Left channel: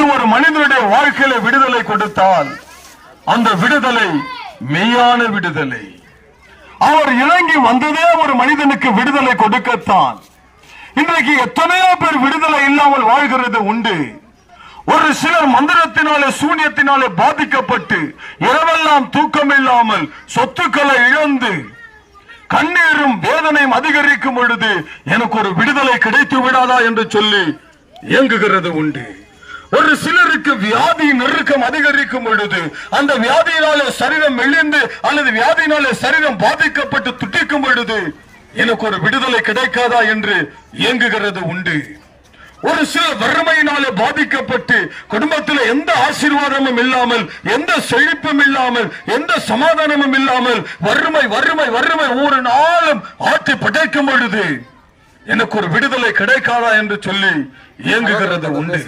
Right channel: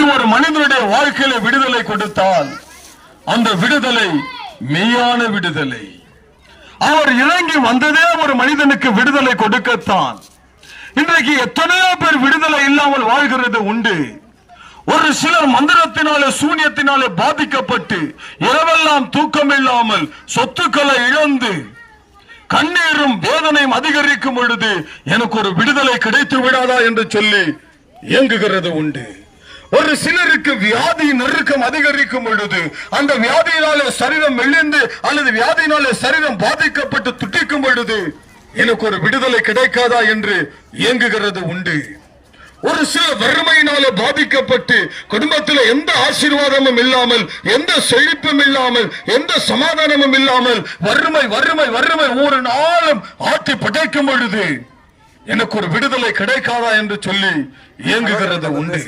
இயேசு ஒரு மனிதனுடைய வாழ்க்கையில விடுதலை கொடுத்தால் அந்த விடுதலை மெய்யான விடுதலை. அவர் இறங்கி வந்ததே ஒரு மனிதனுக்கு விடுதலை கொடுக்கத்தான். இன்றைக்கு எத்தனையோ பேர் விடுதலை இல்லாமல் வாழ்கிறது உண்டு. ஒரு சிலர் மந்திரத்தினாலே சூனியத்தினாலே பாதிக்கப்பட்டு இரவெல்லாம் தூக்கம் இல்லாமல் சொத்துக்களை இழந்து கண்ணீரும் வேதனையும் அதிகரிக்கும் பொழுது எனக்கு ஒரு விடுதலை கிடைத்து விடாதா என்று சொல்லி இயங்குகிறது உண்டு. ஒரு சிலருக்கு வியாதி நெருக்கம் அதிகரிக்கும் பொழுது அந்த வியாதியினாலே சரீரம் மெலிந்து அல்லது வியாதியினாலே சரீரம் பாதிக்கப்பட்டு துட்டிக்கும் பொழுது எனக்கு ஒரு விடுதலை கிடைக்காதா என்று இயங்குகிறது உண்டு. ஒரு சில வறுமையினாலே பாதிக்கப்பட்டு குடும்பத்தில் எந்த ஆசீர்வாதமும் இல்லாமல், எந்த செழிப்பும் இல்லாமல், எந்த சமாதானமும் இல்லாமல் வறுமை வறுமை வறுமை ஒரு நாளும் ஆட்டி படைக்கும் பொழுது எனக்கு ஒரு விடுதலை கிடைக்காதா என்று சொல்லி இயங்குகிறது உண்டு.